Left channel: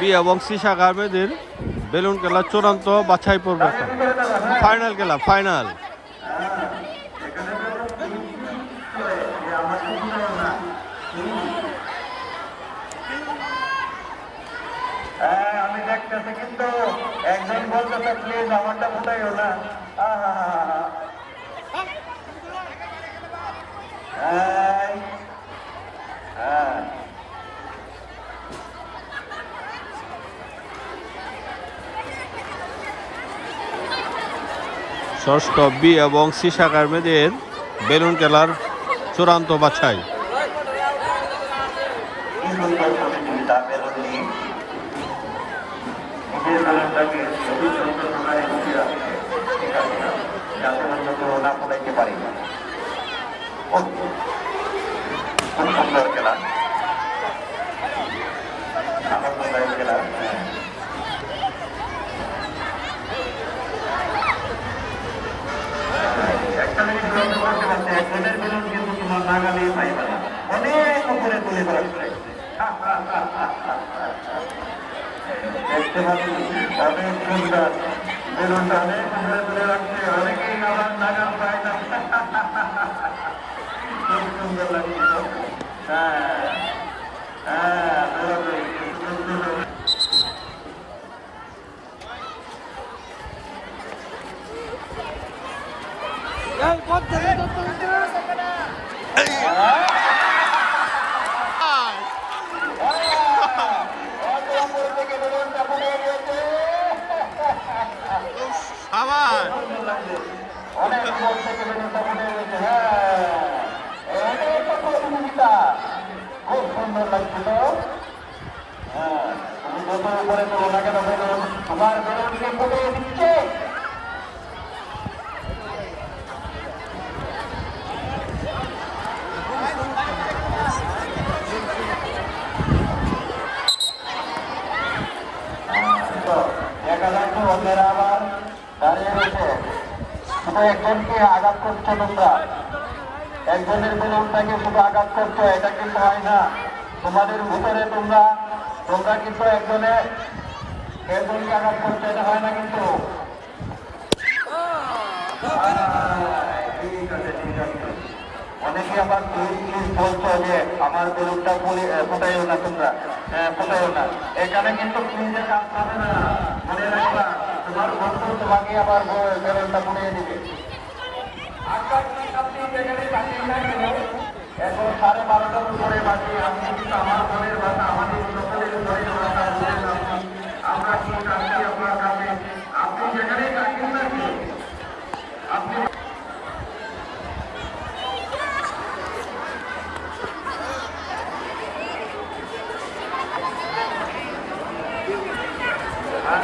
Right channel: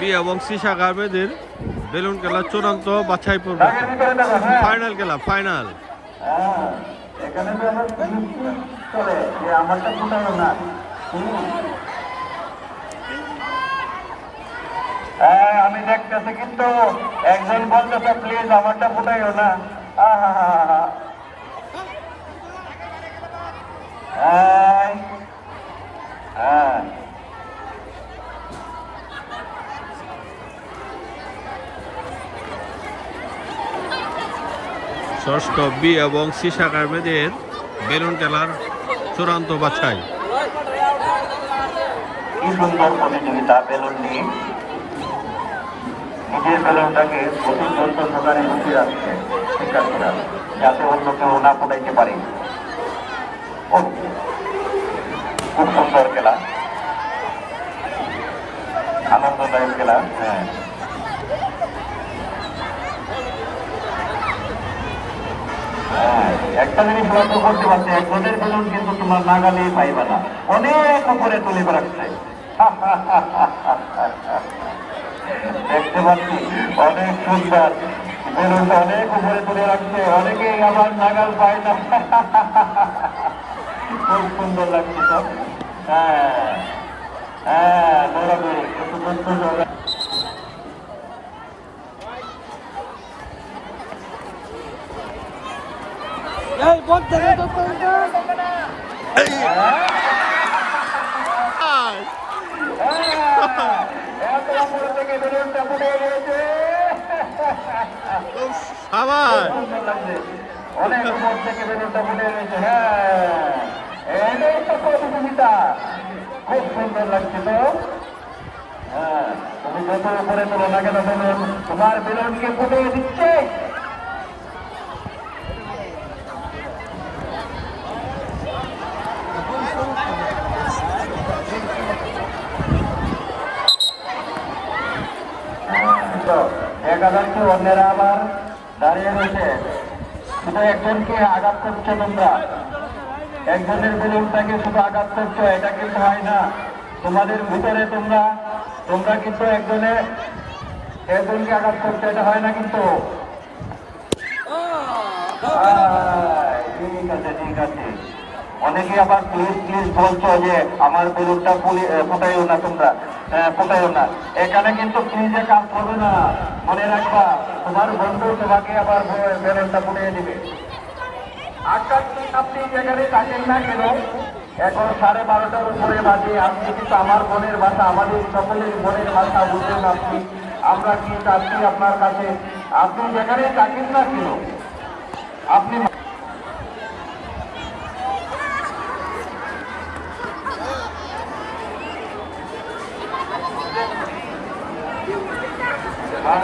B এবং C শাখার মেয়েদের বেলুন খেলা চূড়ান্ত বাছাই পর্ব ফাইনাল খেলা ফাইনাল। আমি দেখতেছি কিন্তু একজন বলতেছে প্লিজ আমারটা ফুটাইও না। ষষ্ঠ বি এবং সি শাখার মেয়েদের বেলুন খেলার চূড়ান্ত বাছাই। যাতে অন্য কেউ না ফুটাইতে পারি। খুব সুন্দর খেলা, আনন্দদায়ক খেলা। একটা জিনিস লক্ষ্য করতে পারছি, একজনের বেলুন কিন্তু তোমার নাগালেই পাইবা না, অনেক উপরে তুলে বেড়াচ্ছে। দেখতে পাচ্ছি অনেক সুন্দর বেলুনটা অনেক উপরে তুলে রাখছে, অনেকেই আমার নাগাল পায় না। খুব সুন্দর লাগছে। হ্যাঁ হ্যাঁ, দৌড়াদৌড়ি একটু সুন্দর। আবার খুব সুন্দর লাগছিল। তুমি যত উপরে চলে না কেন তোমার বেলুনকে ফুটে দিচ্ছে। দেখা যাচ্ছে অন্যেরা আবার দাঁড়িয়ে রয়েছে, শুধু একজনকে আঘাত করছো তোমরা, একজনের বেলুনটাকে শুধু আঘাত করছো, এটা কিন্তু হয় না। তোমাদের ভিতরে তোমরা কিন্তু একজনের একজনকে আঘাত করছো, এটা হয় না কিন্তু। ঠিক আছে, ঠিক আছে। অনেকে আবার প্লিজ বলছো যে আমার বেলুনটা ফুটাইও না, তোমরা ফুটাইও না। এখানে কিন্তু প্লিজে কাজ হবে না, মনে রাখবা তোমার বন্ধু তোমাকে আবার বেলুনটা ফুটিয়ে দিবে। এখন 12:30 উপরে বাজে, আপনি কিন্তু আমার মনের ভাষা, আমাদের সকলের মনের ভাষা বুঝেন আপনি। আমরা কি চাচ্ছি আপনার কাছে, আপনি যেখানে থাকেন না কেন আপনি আর